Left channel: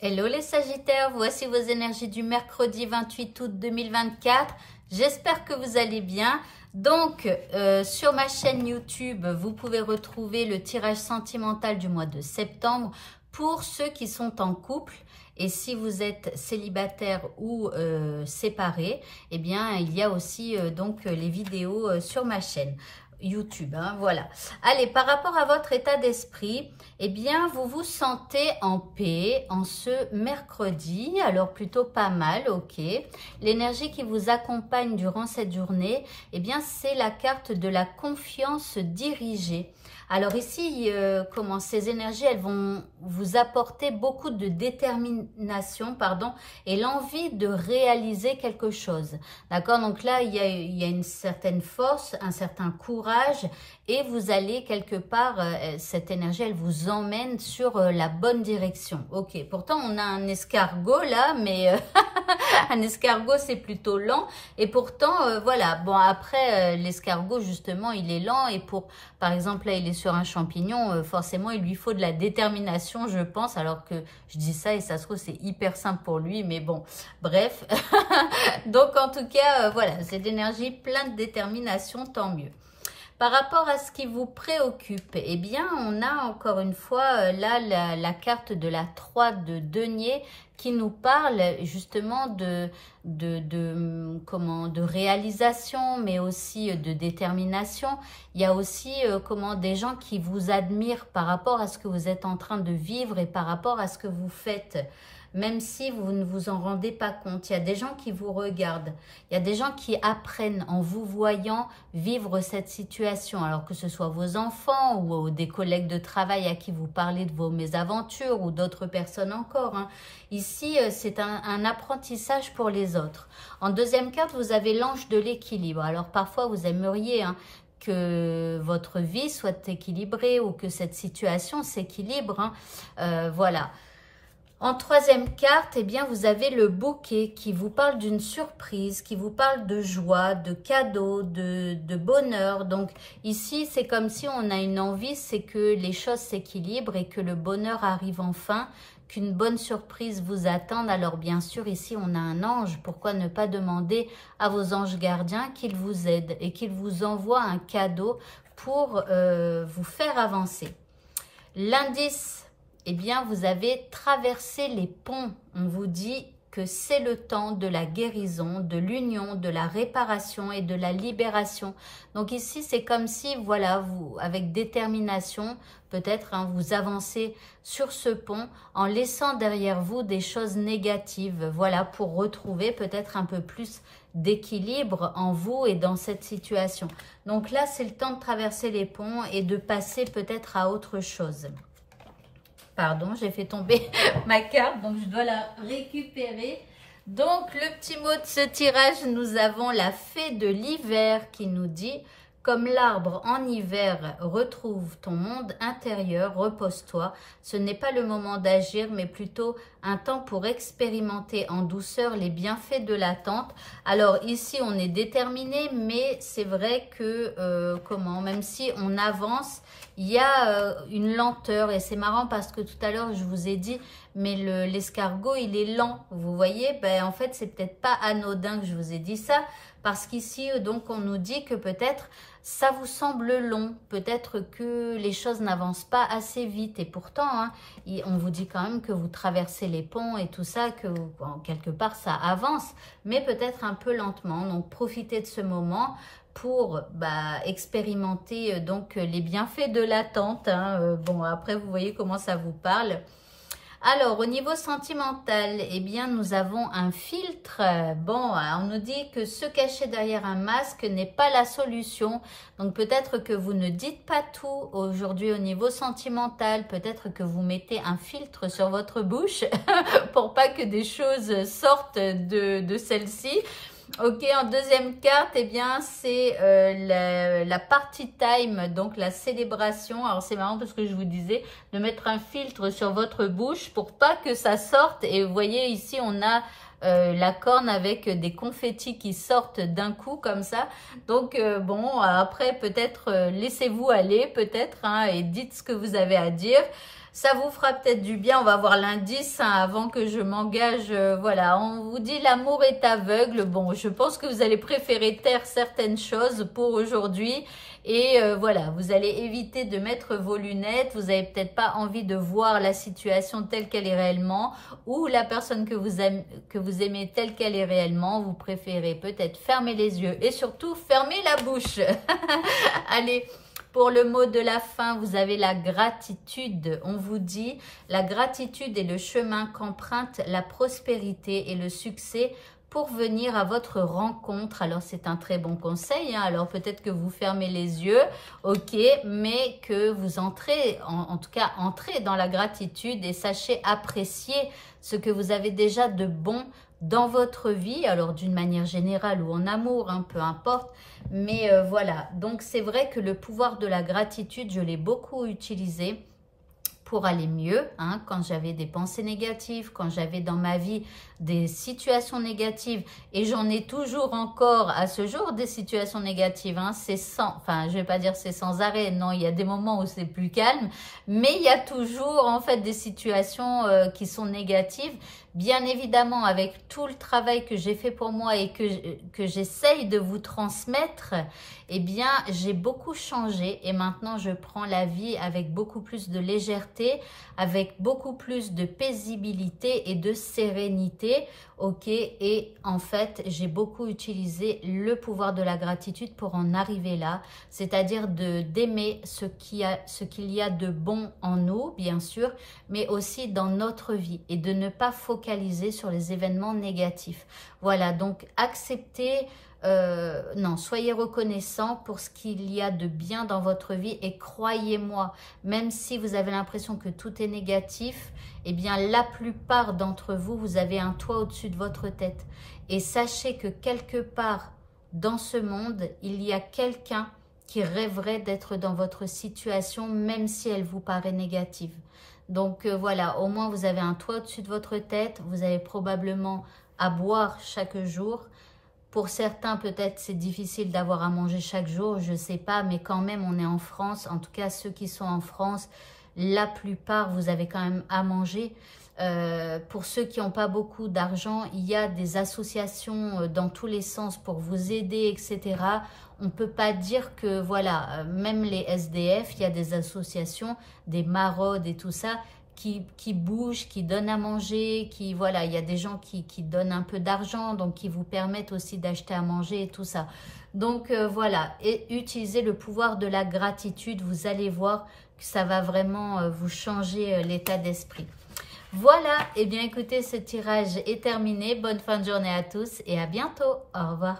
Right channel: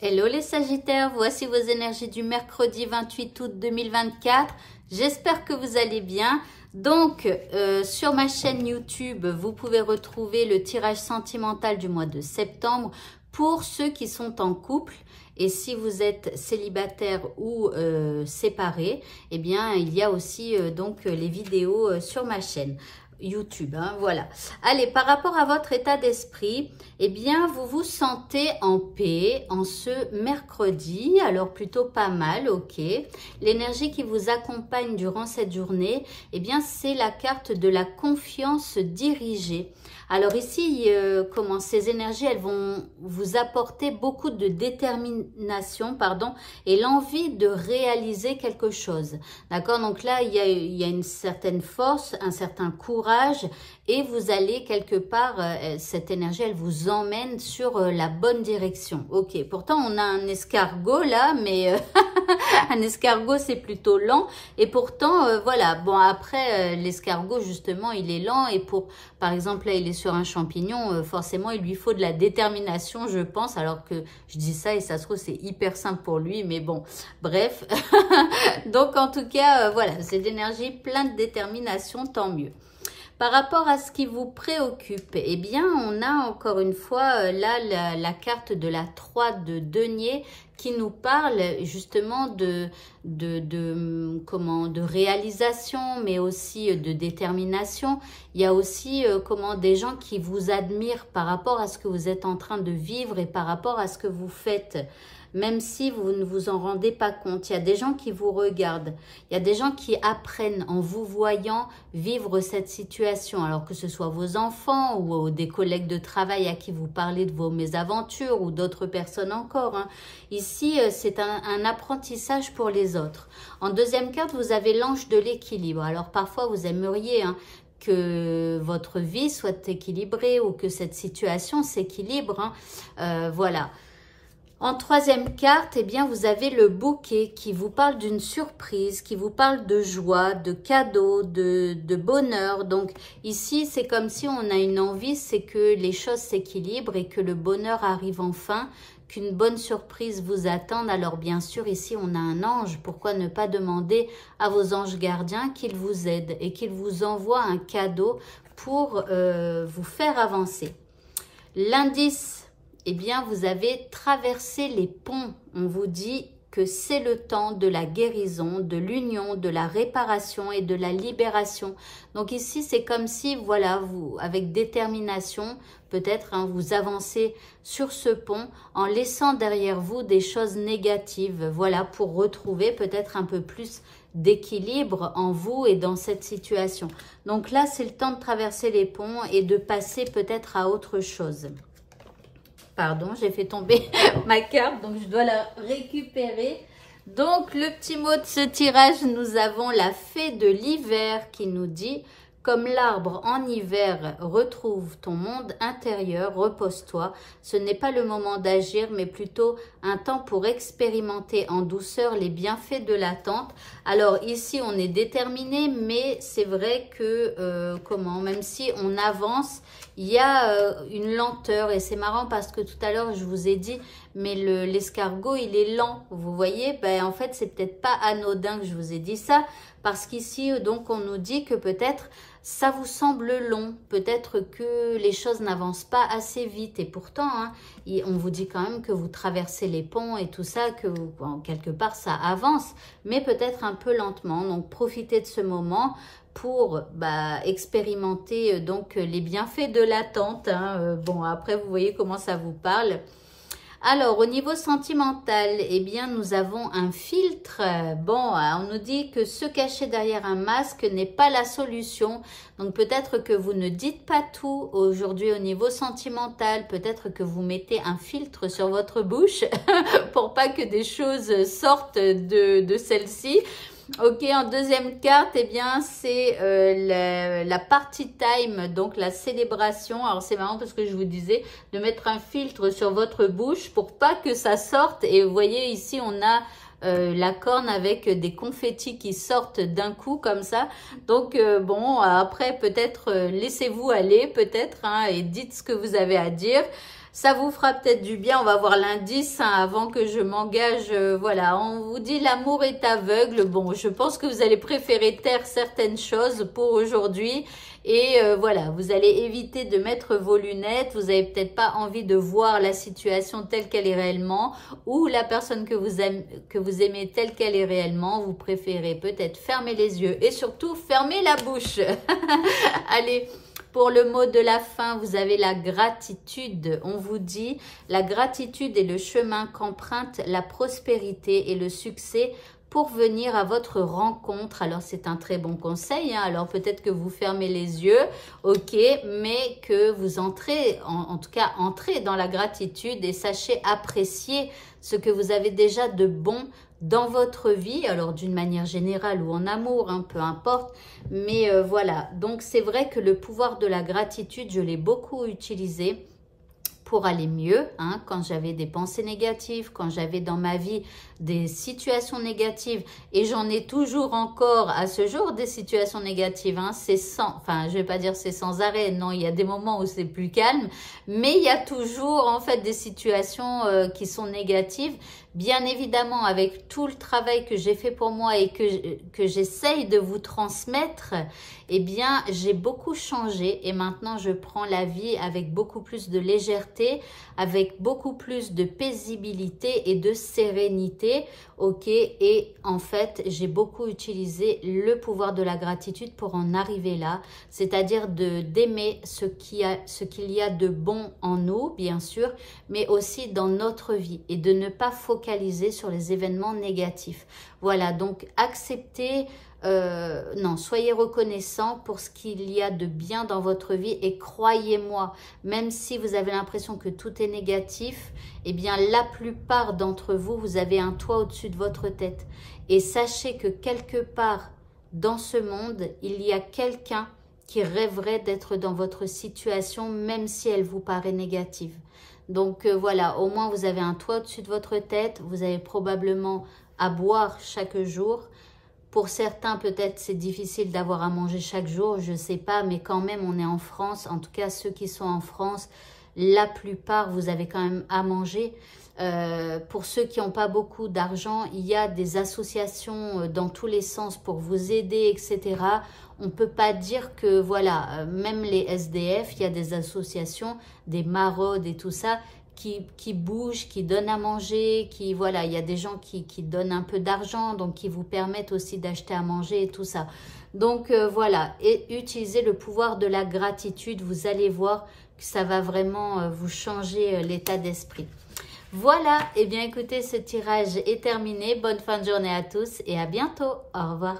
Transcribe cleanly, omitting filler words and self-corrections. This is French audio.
Hello les Sagittaires, voici vos énergies du mercredi 28 août 2024. J'espère que vous allez bien. Donc, sur ma chaîne YouTube, vous pouvez retrouver le tirage sentimental du mois de septembre pour ceux qui sont en couple. Et si vous êtes célibataire ou séparé, eh bien, il y a aussi donc les vidéos sur ma chaîne YouTube, hein, voilà. Allez, par rapport à votre état d'esprit, eh bien, vous vous sentez en paix en ce mercredi, alors plutôt pas mal, ok. L'énergie qui vous accompagne durant cette journée, eh bien, c'est la carte de la confiance dirigée. Alors ici, comment ces énergies, elles vont vous apporter beaucoup de détermination, pardon, et l'envie de réaliser quelque chose. D'accord? Donc là, il y a une certaine force, un certain courage, et vous allez quelque part, cette énergie, elle vous emmène sur la bonne direction. Ok, pourtant on a un escargot là, mais un escargot c'est plutôt lent, et pourtant voilà, bon après l'escargot justement il est lent, et par exemple là il est sur un champignon, forcément il lui faut de la détermination je pense, alors que je dis ça et ça se trouve c'est hyper simple pour lui, mais bon, bref. Donc en tout cas, voilà, c'est d'énergie plein de détermination, tant mieux. Par rapport à ce qui vous préoccupe, eh bien, on a encore une fois là la carte de la 3 de denier qui nous parle justement de réalisation, mais aussi de détermination. Il y a aussi des gens qui vous admirent par rapport à ce que vous êtes en train de vivre et par rapport à ce que vous faites. Même si vous ne vous en rendez pas compte, il y a des gens qui vous regardent, il y a des gens qui apprennent en vous voyant vivre cette situation, alors que ce soit vos enfants ou des collègues de travail à qui vous parlez de vos mésaventures ou d'autres personnes encore, hein. Ici, c'est un apprentissage pour les autres. En deuxième carte, vous avez l'ange de l'équilibre. Alors parfois, vous aimeriez que votre vie soit équilibrée ou que cette situation s'équilibre, hein. Voilà. En troisième carte, eh bien, vous avez le bouquet qui vous parle d'une surprise, qui vous parle de joie, de cadeaux, de bonheur. Donc ici, c'est comme si on a une envie, c'est que les choses s'équilibrent et que le bonheur arrive enfin, qu'une bonne surprise vous attende. Alors bien sûr, ici, on a un ange. Pourquoi ne pas demander à vos anges gardiens qu'ils vous aident et qu'ils vous envoient un cadeau pour vous faire avancer. L'indice, eh bien, vous avez traversé les ponts. On vous dit que c'est le temps de la guérison, de l'union, de la réparation et de la libération. Donc ici, c'est comme si, voilà, vous, avec détermination, peut-être, hein, vous avancez sur ce pont en laissant derrière vous des choses négatives, voilà, pour retrouver peut-être un peu plus d'équilibre en vous et dans cette situation. Donc là, c'est le temps de traverser les ponts et de passer peut-être à autre chose. Pardon, j'ai fait tomber ma carte, donc je dois la récupérer. Donc, le petit mot de ce tirage, nous avons la fée de l'hiver qui nous dit « Comme l'arbre en hiver, retrouve ton monde intérieur, repose-toi. Ce n'est pas le moment d'agir, mais plutôt un temps pour expérimenter en douceur les bienfaits de l'attente. » Alors ici, on est déterminé, mais c'est vrai que, même si on avance, il y a une lenteur. Et c'est marrant parce que tout à l'heure, je vous ai dit, mais l'escargot, il est lent. Vous voyez, ben, en fait, c'est peut-être pas anodin que je vous ai dit ça. Parce qu'ici, donc, on nous dit que peut-être ça vous semble long, peut-être que les choses n'avancent pas assez vite. Et pourtant, hein, on vous dit quand même que vous traversez les ponts et tout ça, que quelque part ça avance, mais peut-être un peu lentement. Donc, profitez de ce moment pour expérimenter donc les bienfaits de l'attente, hein. Bon, après, vous voyez comment ça vous parle. Alors, au niveau sentimental, eh bien, nous avons un filtre. Bon, on nous dit que se cacher derrière un masque n'est pas la solution. Donc, peut-être que vous ne dites pas tout aujourd'hui au niveau sentimental. Peut-être que vous mettez un filtre sur votre bouche pour pas que des choses sortent de celle-ci. Ok, en deuxième carte, eh bien, c'est la party time, donc la célébration. Alors, c'est marrant parce que je vous disais de mettre un filtre sur votre bouche pour pas que ça sorte. Et vous voyez, ici, on a la corne avec des confettis qui sortent d'un coup comme ça. Donc, bon, après, peut-être laissez-vous aller, peut-être, hein, et dites ce que vous avez à dire. Ça vous fera peut-être du bien. On va voir l'indice hein, avant que je m'engage. Voilà, on vous dit l'amour est aveugle. Bon, je pense que vous allez préférer taire certaines choses pour aujourd'hui. Et voilà, vous allez éviter de mettre vos lunettes. Vous n'avez peut-être pas envie de voir la situation telle qu'elle est réellement. Ou la personne que vous aimez telle qu'elle est réellement. Vous préférez peut-être fermer les yeux. Et surtout, fermer la bouche. Allez. Pour le mot de la fin, vous avez la gratitude. On vous dit, la gratitude est le chemin qu'emprunte la prospérité et le succès pour venir à votre rencontre. Alors, c'est un très bon conseil. Hein. Alors, peut-être que vous fermez les yeux, ok, mais que vous entrez, en tout cas, entrez dans la gratitude et sachez apprécier ce que vous avez déjà de bon dans votre vie, alors d'une manière générale ou en amour, hein, peu importe. Mais voilà, donc c'est vrai que le pouvoir de la gratitude, je l'ai beaucoup utilisé pour aller mieux, hein, quand j'avais des pensées négatives, quand j'avais dans ma vie des situations négatives, et j'en ai toujours encore à ce jour des situations négatives, hein, c'est sans, enfin je vais pas dire c'est sans arrêt, non, il y a des moments où c'est plus calme, mais il y a toujours en fait des situations qui sont négatives, bien évidemment avec tout le travail que j'ai fait pour moi et que j'essaye de vous transmettre, eh bien j'ai beaucoup changé et maintenant je prends la vie avec beaucoup plus de légèreté, avec beaucoup plus de paisibilité et de sérénité, ok, et en fait j'ai beaucoup utilisé le pouvoir de la gratitude pour en arriver là, c'est-à-dire d'aimer ce qu'il y a de bon en nous, bien sûr, mais aussi dans notre vie et de ne pas focaliser sur les événements négatifs. Voilà, donc acceptez, non, soyez reconnaissant pour ce qu'il y a de bien dans votre vie et croyez-moi, même si vous avez l'impression que tout est négatif, eh bien la plupart d'entre vous, vous avez un toit au-dessus de votre tête. Et sachez que quelque part dans ce monde, il y a quelqu'un qui rêverait d'être dans votre situation, même si elle vous paraît négative. Donc voilà, au moins vous avez un toit au-dessus de votre tête, vous avez probablement à boire chaque jour. Pour certains, peut-être c'est difficile d'avoir à manger chaque jour, je ne sais pas, mais quand même on est en France, en tout cas ceux qui sont en France, la plupart vous avez quand même à manger. Pour ceux qui n'ont pas beaucoup d'argent, il y a des associations dans tous les sens pour vous aider, etc. On ne peut pas dire que, voilà, même les SDF, il y a des associations, des maraudes et tout ça, qui bougent, qui donnent à manger, qui, voilà, il y a des gens qui donnent un peu d'argent, donc qui vous permettent aussi d'acheter à manger et tout ça. Donc voilà, et utilisez le pouvoir de la gratitude, vous allez voir que ça va vraiment vous changer l'état d'esprit. Voilà, et bien écoutez, ce tirage est terminé. Bonne fin de journée à tous et à bientôt. Au revoir.